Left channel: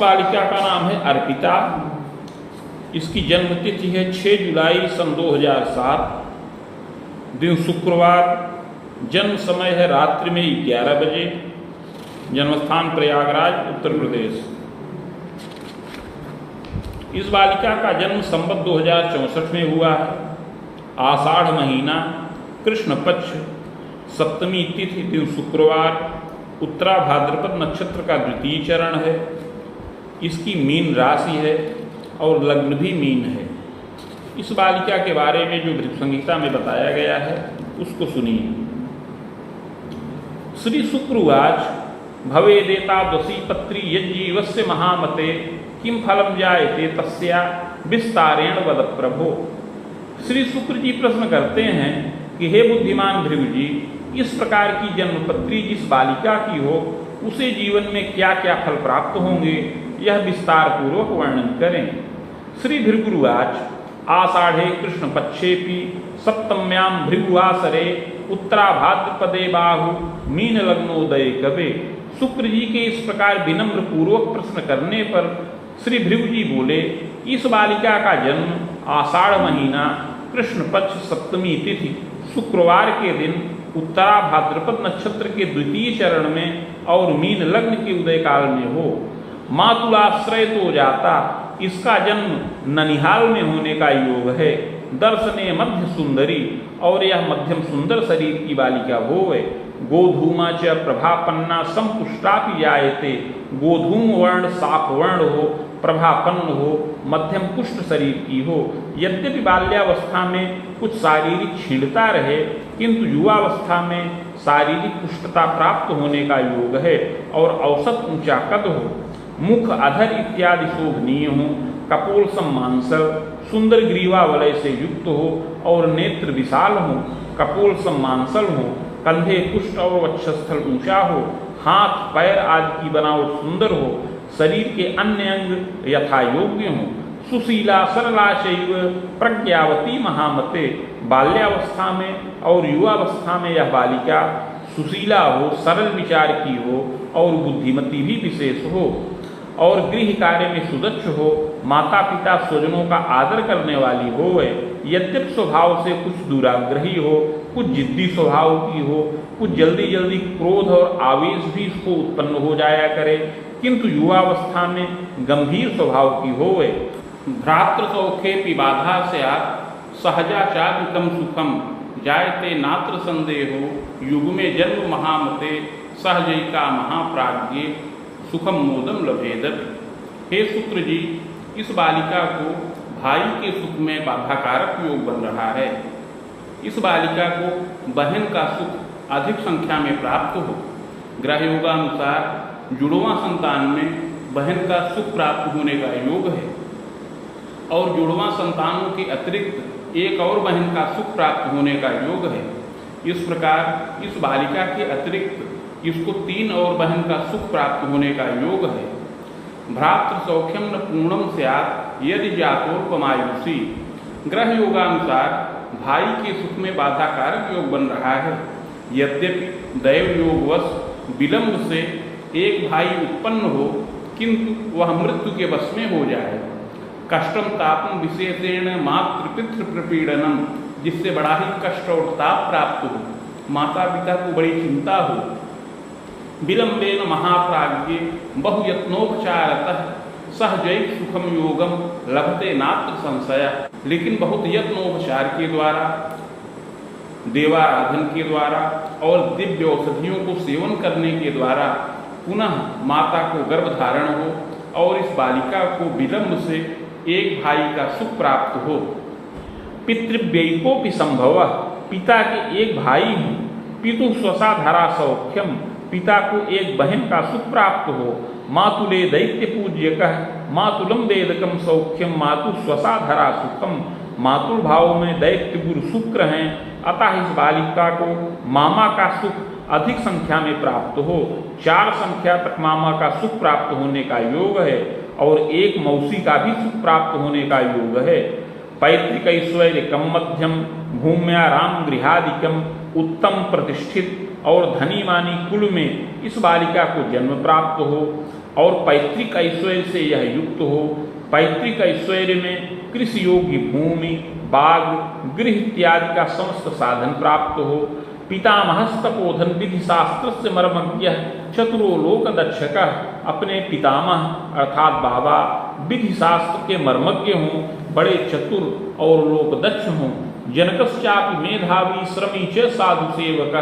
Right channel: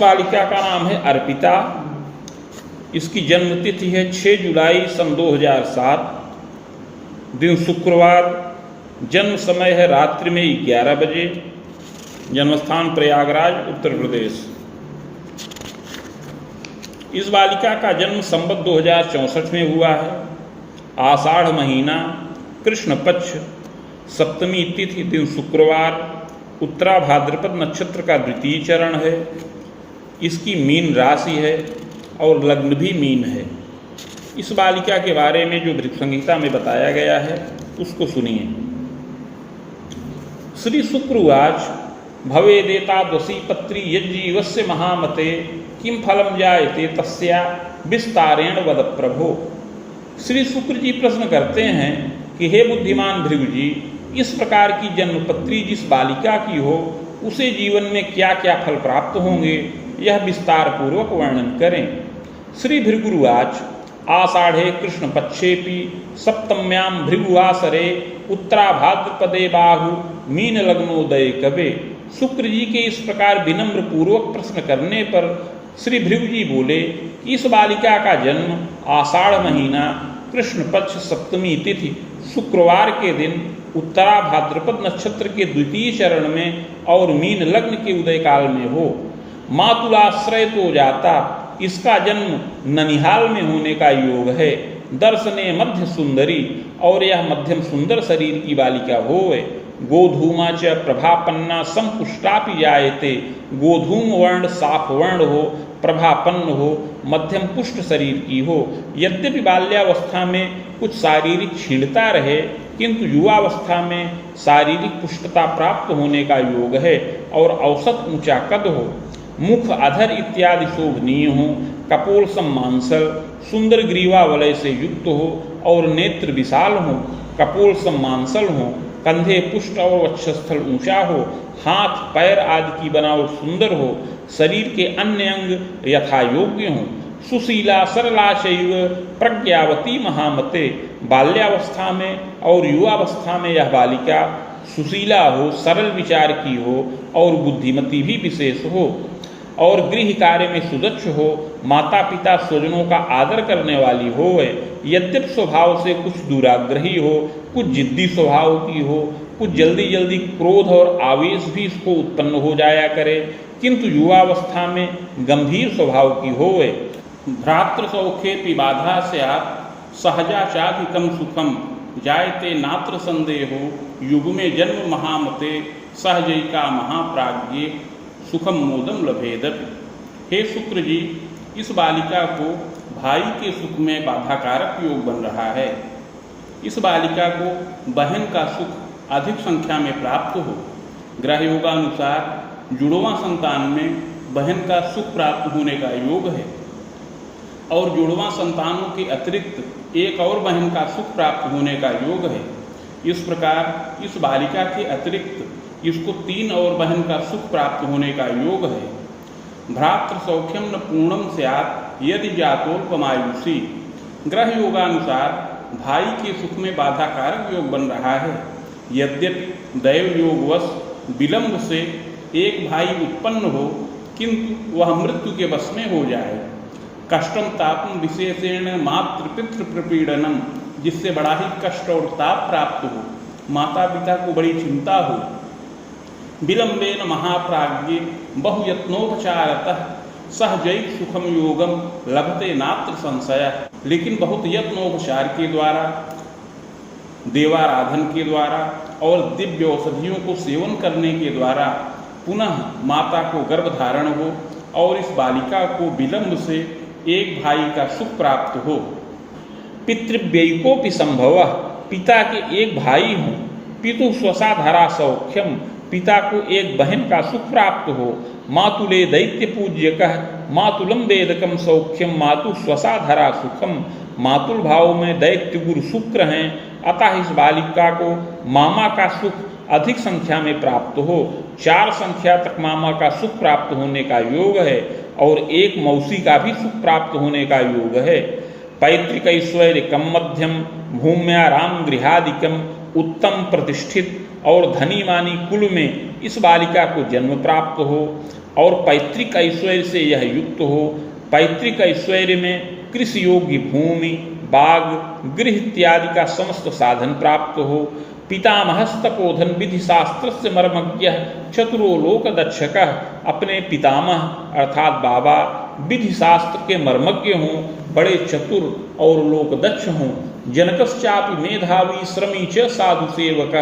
बालिका का नाम है अर्पिता। इसकी जन्म तिथि है 6 जुलाई सन 2007, दिन शुक्रवार। जन्म समय है रात्रि में 11 बजे। जन्मस्थान प्रयागराज, उत्तर प्रदेश। इस बालिका का जन्म संवत 2064 में हुआ है। आषाढ़ महीना, कृष्ण पक्ष, सप्तमी तिथि, दिन शुक्रवार, उत्तरा भाद्रपद नक्षत्र का द्वितीय चरण है। इसकी मीन राशि है और लग्न भी मीन है। इस बालिका के बारे में जो भृगु संहिता में बताया गया है उसको सुनिए। श्री शुक्र उवाच भवेदेतादृशी पत्री यज्जीवस्य महामते किम फलम जायते तस्या विस्तारेण वद प्रभो। श्री शुक्र जी प्रश्न करते हैं कि हे बुद्धिमान भृगु जी, इस प्रकार की जन्मपत्री जिस बालिका की हो उसे जीवन में क्या क्या फल प्राप्त होंगे, यह विस्तार पूर्वक वर्णन करें। श्री भृगुरुवाच आषाढ़े कृष्ण पक्षेपि सप्तम्याम भृगुवासरे उत्तरा भाद्रपदे बाहु मीन लग्नोदय कवे। शुक्र जी के इस प्रकार विनम्र पूर्वक प्रश्न करने पर श्री भृगु जी बोले, इस बालिका का जन्म आषाढ़ महीना, कृष्ण पक्ष, सप्तमी तिथि, शुक्रवार के दिन, उत्तरा भाद्रपद नक्षत्र के द्वितीय चरण में और मीन लग्न के उदय काल में हो। मातुलाश्रय तो जाता, इसका जन्म ननिहाल में होने का योग है। दर्शने मध्य सुंदरी, और यह मध्यम सुंदर शरीर की बालिका होवे। गोधूमा च प्रभापन्ना संपुष्टापि जायते, गोधूम वर्ण साफ वर्ण हो, प्रभापन्न हो, मध्यम पुष्ट शरीर की हो। यद्यपि बाल्यावस्था में कुछ शारीरिक क्षीणता रहे, किंतु युवावस्था में शारीरिक पुष्टता प्राप्त होने का योग है और औसत ऊंचा कद हो। मुख, अधर इत्यादि शोभनीय हो, कपोल सम्मांसल, सुंदर ग्रीवा वलय से युक्त हो और नेत्र विशाल हो, कपोल सम्मांसल हो, कंधे पुष्ट और वक्षस्थल ऊंचा हो, हाथ पैर आदि की बनावट सुंदर हो, शरीर के अन्य अंग यथा योग्य हों, सुशीला सरलाशैव प्रज्ञावती महामते। बाल्यावस्था में और युवावस्था में यह बालिका सुशीला हो, सरल विचार की हो और बुद्धिमती भी विशेष हो और गृह कार्य में सुदक्ष हो, माता पिता स्वजनों का आदर करने वाली हो। यद्यपि स्वभाव से कुछ दुराग्रही हो, कुछ जिद्दी स्वभाव की हो, कुछ जल्दी जल्दी क्रोध और आवेश भी इसको उत्पन्न हो जाया करे, किंतु युवावस्था में गंभीर स्वभाव की हो। भ्रातृ सौखे बाधा स्यात् सहजाचाधिकम सुखम जायते नात्र संदेहो युग्मे जन्म महामते सहजैका महाप्राज्ञे सुखम मोदम लभेदत। हे शुक्र जी, इस बालिका को भाई के सुख में बाधाकारक योग बन रहा है। इस बालिका को बहन का सुख अधिक संख्या में प्राप्त हो। ग्रह योगानुसार जुड़वां संतान में बहन का सुख प्राप्त होने का योग है और जुड़वां संतानों के अतिरिक्त एक और बहन का सुख प्राप्त होने का योग है। इस प्रकार इस बालिका के अतिरिक्त इसको 3 और बहन का सुख प्राप्त होने का योग है। भ्रातृ सौख्यम न पूर्णम स्यात् यदि जातोल्पमायुषी। ग्रह योगानुसार भाई के सुख में बाधाकारक योग बन रहा है। यद्यपि दैव योगवश विलंब से एक भाई उत्पन्न हो, किंतु वह मृत्यु के वश में हो जाए। कष्टम तापम विशेषेण मातृपितृ प्रपीड़नम, जिससे बड़ा ही कष्ट और ताप प्राप्त हो, माता पिता को बड़ी चिंता हो। विलंबेन महाप्राज्ञे बहुयत्नोपचारतः सहजैव सुखम योगम लभते नात्र संशय। लेकिन बहुत यत्नोपचार के द्वारा, देवाराधन के द्वारा और दिव्य औषधियों को सेवन करने के द्वारा पुनः माता को गर्भधारण हो और इस बालिका को विलंब से एक भाई का सुख प्राप्त हो। पितृव्ययिकोपि संभव, पिता के एक भाई हों। पितु स्वसाधरा सौख्यम, पिता को एक बहन का सुख प्राप्त हो। मातुले दैत्य पूज्यकः मातुलम वेदकम सौख्यम मातु स्वसाधरा सुखम। मातुल भाव में दैत्य गुरु शुक्र हैं, अतः इस बालिका को मामा का सुख अधिक संख्या में प्राप्त हो। 4 संख्या तक मामा का सुख प्राप्त होने का योग है और एक मौसी का भी सुख प्राप्त होने का योग है। पैतृक ऐश्वर्यकम मध्यम भूम्याराम गृहादिकम, उत्तम प्रतिष्ठित और धनी मानी कुल में इस बालिका को जन्म प्राप्त हो और पैतृक ऐश्वर्य से यह युक्त हो। पैतृक ऐश्वर्य में कृषि योग्य भूमि, बाग, गृह इत्यादि का समस्त साधन प्राप्त हो। पितामहस्तपोधन विधि शास्त्र से मर्मज्ञ चतुरो लोक दक्षकः, अपने पितामह अर्थात बाबा विधि शास्त्र के मर्मज्ञ हों, बड़े चतुर और लोकदक्ष हों। जनकश्चापि मेधावी श्रमी च साधु सेवक,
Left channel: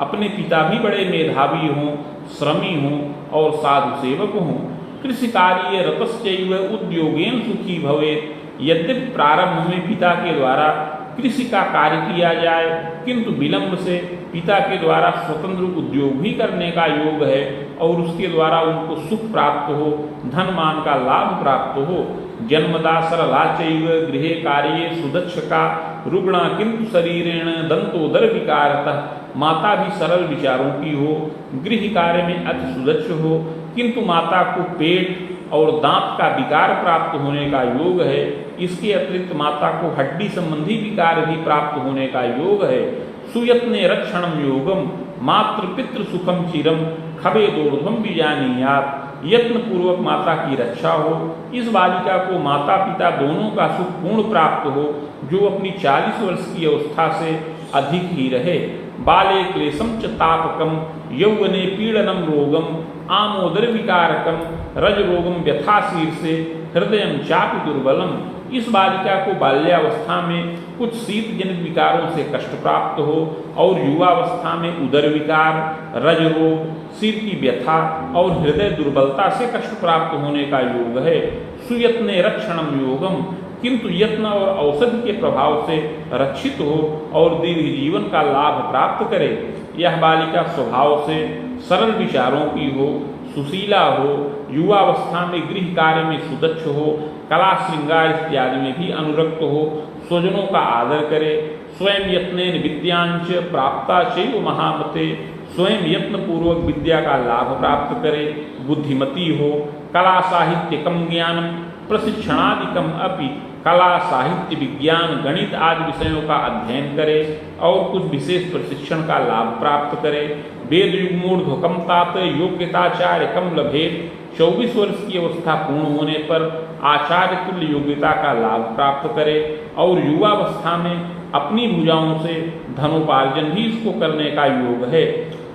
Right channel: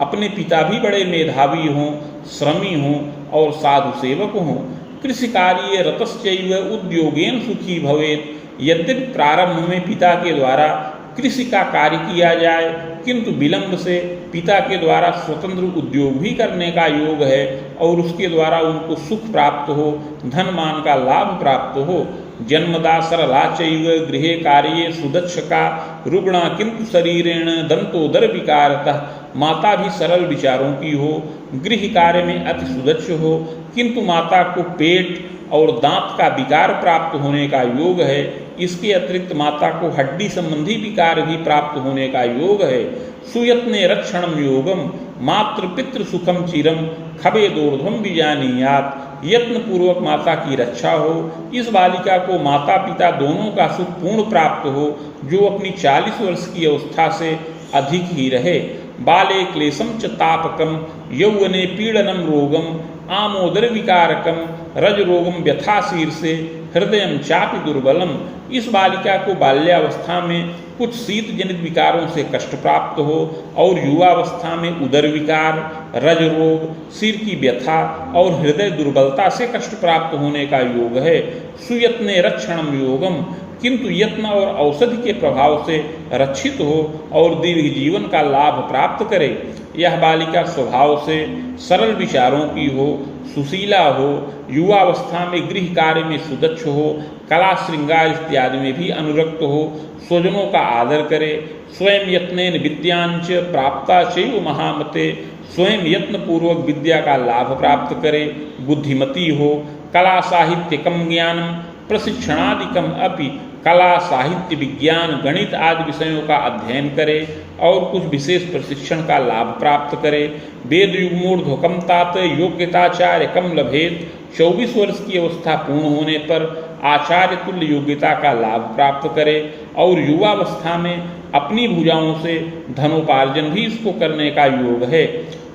अपने पिता भी बड़े मेधावी हों, श्रमी हों और साधु सेवक हों। कृषि कार्य रतश्चैव उद्योगेन सुखी भवेत्, यद्यपि प्रारंभ में पिता के द्वारा कृषि का कार्य किया जाए, किंतु विलंब से पिता के द्वारा स्वतंत्र उद्योग भी करने का योग है और उसके द्वारा उनको सुख प्राप्त हो, धन मान का लाभ प्राप्त हो। जन्मदा सरला चैव गृहे कार्ये सुदक्षका, रुग्णा किंतु शरीरेण दंतोदर विकारतः, माता भी सरल विचारों की हो, गृह कार्य में अति सुदक्ष हो, किंतु माता को पेट और दांत का विकार प्राप्त होने का योग है। इसके अतिरिक्त माता को हड्डी संबंधी विकार भी प्राप्त होने का योग है। सुयत्ने रक्षणम योगम मातृ पितृ सुखम चिरम खबेदोर्ध्वम बीजानीयात, यत्न पूर्वक माता की रक्षा हो। इस बालिका को माता पिता दोनों का सुख पूर्ण प्राप्त हो, जो अपनी 40 वर्ष की अवस्था से अधिक ही रहे। बाले क्लेशम च तापकम यौवने पीड़नम रोगम आमोदर विकारकम रज रोगम व्यथा शीर्षे हृदयम चापि दुर्बलम। इस बालिका को बाल्यावस्था में कुछ शीत जनित विकारों से कष्ट प्राप्त हो और युवावस्था में उदर विकार, रज रोग, सिर की व्यथा और हृदय दुर्बलता से कष्ट प्राप्त होने का योग है। सुयत्ने रक्षणम योगम, किंतु यत्न और औषधि के प्रभाव से रक्षित हो और दीर्घ जीवन का लाभ प्राप्त करे। यह बालिका स्वभाव से सरल विचारों की हो, सुशीला हो, युवावस्था में गृह कार्य में सुदक्ष हो, कला श्रृंगार इत्यादि में भी अनुरक्त हो, स्वजनों का आदर करे, स्वयं यत्नेन विद्यांच प्राप्ता चैव महामते, स्वयं यत्न पूर्वक विद्या का लाभ प्राप्त करे, बुद्धिमती हो, कला साहित्यकम ज्ञानम प्रशिक्षणादिकम अपि, कला साहित्य विज्ञान गणित आदि विषयों का अध्ययन करे और कुछ विशेष प्रशिक्षण का लाभ प्राप्त करे। वेद युग्मूर्ध्वकम तात योग्यताचार्य कम लभेत, 24 वर्ष की अवस्था पूर्ण होने पर आचार्य तुल्य योग्यता का लाभ प्राप्त करे और युवावस्था में अपनी भुजाओं से धनोपार्जन भी इसको करने का योग है।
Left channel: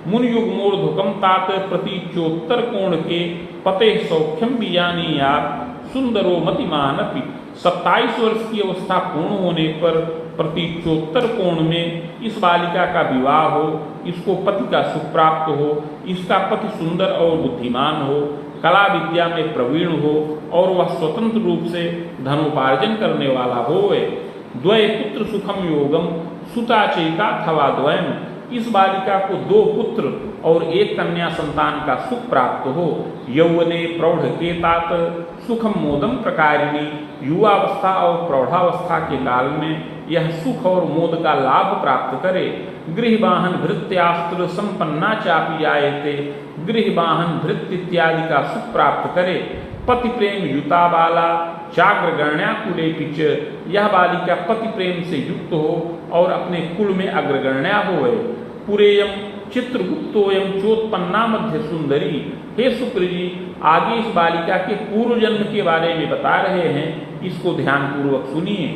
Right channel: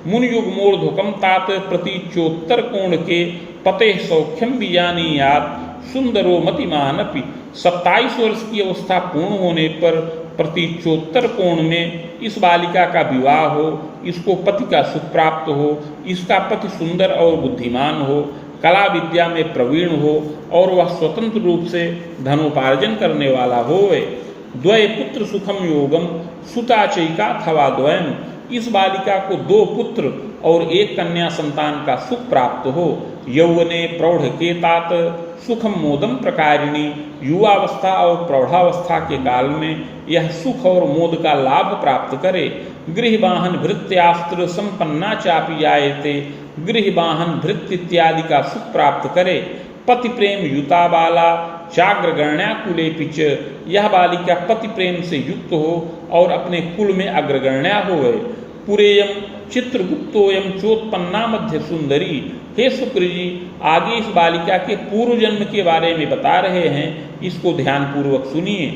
मुन युग्मूर्ध्वकम तात प्रतीचोत्तर कोण के पते सौख्यम बीजानीयात सुंदरो मतिमानपि, 27 वर्ष की अवस्था पूर्ण होने पर प्रतीचोत्तर कोण में इस बालिका का विवाह हो, इसको पति का सुख प्राप्त हो, इसका पति सुंदर और बुद्धिमान हो, कला विद्या में प्रवीण हो और वह स्वतंत्र रूप से धनोपार्जन करने वाला होवे। द्वय पुत्र सुखम योगम सुताचयिका अथवा द्वयम, इस बालिका को 2 पुत्र और 1 कन्या संतान का सुख प्राप्त हो। यौवने प्रौढ़ के तात सुखम मोदम प्रकारिणी, युवावस्था और प्रौढ़ावस्था के काल में यह सुख और मोद का लाभ प्राप्त करे। गृहवाहन भृत्यास्त्र संपन्ना चापि आयते, गृहवाहन भृत्य इत्यादि का सुख प्राप्त करे। पति प्रेम युता बाला चाग्रगण्या कुले पिच, यह बालिका पति प्रेम से युक्त हो और अपने कुल में अग्रगण्या होवे। पुरेयम चित्रगुप्तोयम चोत्पन्ना मध्य सुंदरी, हे शुक्र जी आगे इस बालिका के पूर्व जन्म के बारे में बता रहे हैं, इसको ध्यान पूर्वक सुनिए।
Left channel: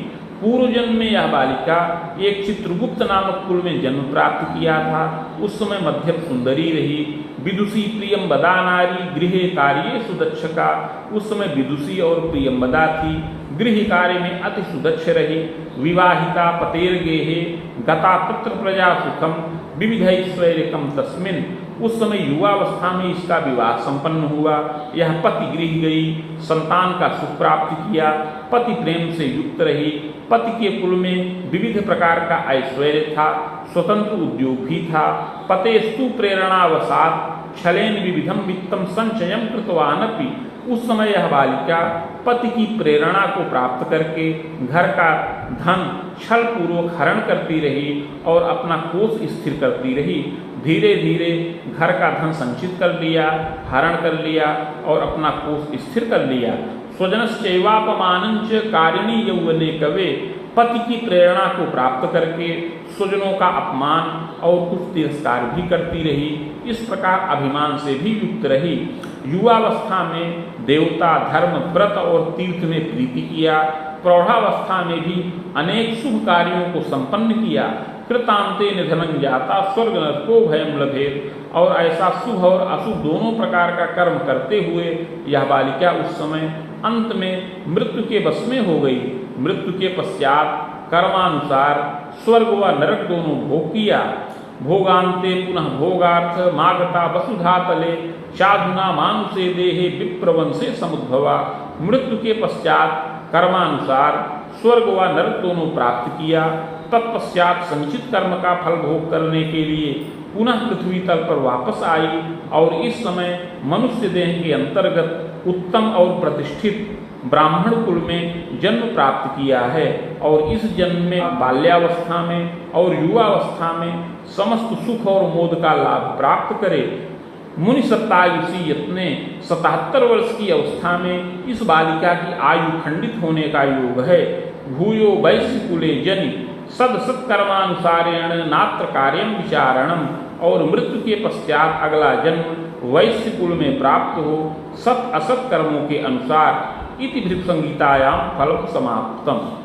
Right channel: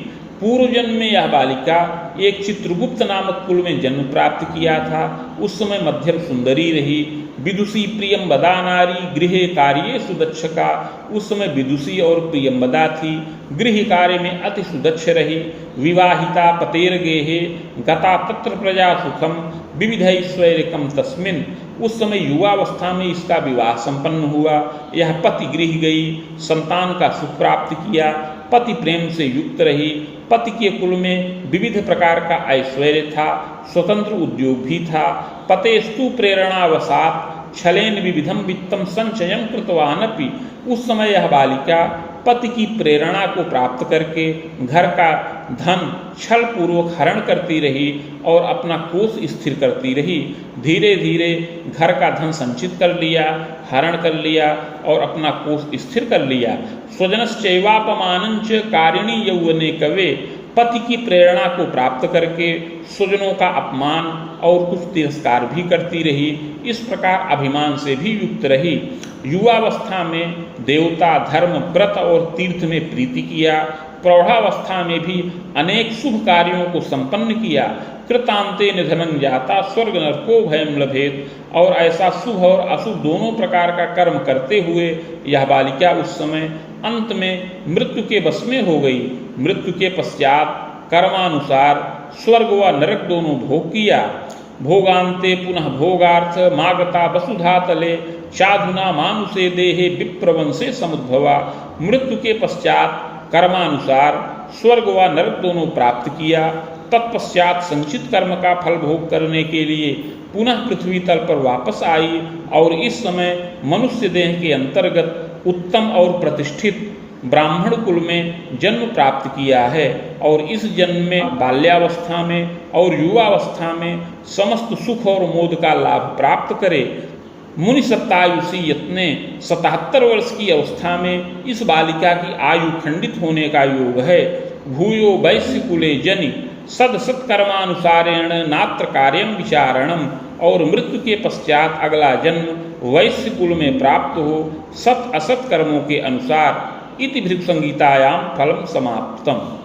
पूर्व जन्म में यह बालिका एक चित्रगुप्त नामक कुल में जन्म प्राप्त किया था। उस समय मध्यम सुंदरी रही। विदुषी प्रियंबदा नारी गृह कार्ये सुदक्षका, उस समय विदुषी और प्रियंबदा थी, गृह कार्य में अति सुदक्ष रही। विवाहिता पतेर गेहे गता तत्र प्रजा सुखम विविधैश्वर्यकम तस्मिन, उस समय युवावस्था में इसका विवाह संपन्न हुआ। यह पति गृह गई, संतान का सुख प्राप्त किया, पति प्रेम से युक्त रही। पति के कुल में विविध प्रकार का ऐश्वर्य था, स्वतंत्र उद्योग भी था। पतेस्तु प्रेरणावसात छलेन विविधम वित्तम संचयम कृतवानपि, उस समय यह बालिका पति की प्रेरणा को प्राप्त करके घर का धन छल पूर्वक हरण करती रही और अपना कोष स्थिर करती रही। धीरे धीरे घर का धन संचित कर लिया, हरण कर लिया और अपना कोष स्थिर कर लिया। स्वजनश्चैवापमानंच कारिणी यौवने कवे, पति की प्रेरणा को प्राप्त करके स्वजनों का अपमान और कुछ तिरस्कार भी करती रही। इस प्रकार अभिमान से भी युक्त रही। युवावस्था में देवता, धर्म, व्रत और तीर्थ में प्रीति किया। प्रौढ़ावस्था में भी अनेक शुभ कार्यों को संपन्न किया। कृतांते निधनं जाता स्वर्ग नरको भयं लभेत। और ऐसा शुभ और अशुभ दोनों प्रकार का कर्म करते हुए यह बालिका उस समय अंत में मृत्यु के वश में हो गई। मृत्यु के पश्चात कर्मानुसार स्वर्ग व नरक दोनों भोग किया। भोगांते पुनः भोगार्थ मागता वसुधा तले साधुना मानुषे देहे विप्रवंशे समुद्भवा। मृत्यु के पश्चात कर्मानुसार स्वर्ग व नरक दोनों प्राप्त किया। तत्पश्चात संचित कर्म का फल भोग करने के लिए पुनः पृथ्वी तल पर वापस आई और इस समय मनुष्य देह के अंतर्गत उत्तम और प्रतिष्ठित ब्राह्मण कुल में जन्म प्राप्त किया है। और इस जन्म में बाल्यावस्था में और युवावस्था में समस्त सुख और मोद का लाभ प्राप्त करे। मुनि सत्तायुषी यत्ने 77 वर्ष की अवस्था में इस बालिका की आयु खंडित होने का योग है। भूयो वैश्य कुले जनि सद सत्कर्मानुसारेण नात्र कार्यम विचारणम। और मृत्यु के पश्चात अगला जन्म वैश्य कुल में प्राप्त हो सत असत कर्मों के अनुसार। इति भृगु संहितायां फलम समाप्तम।